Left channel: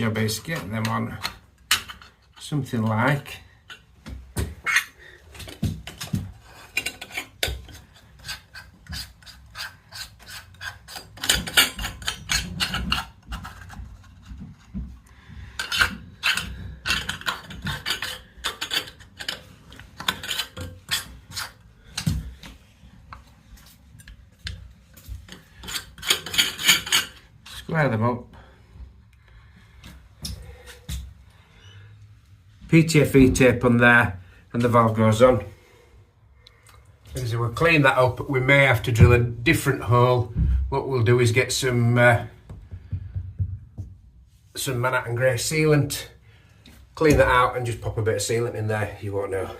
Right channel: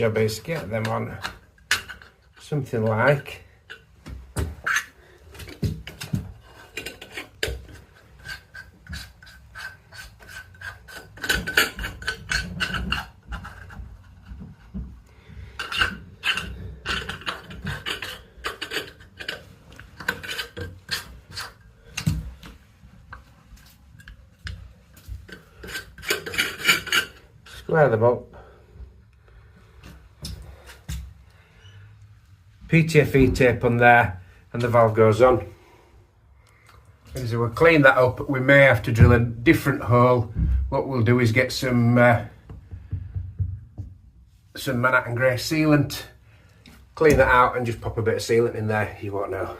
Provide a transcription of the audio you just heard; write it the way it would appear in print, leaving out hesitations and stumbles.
job is get them on something like square them up. PTFE tape on there and the valve goes on. As we'll clean that up, we may have to drill a different hole. What we'll do is get some Manhattan grey sealant, clean that out and just pop a bit of sealant in there, you won't know.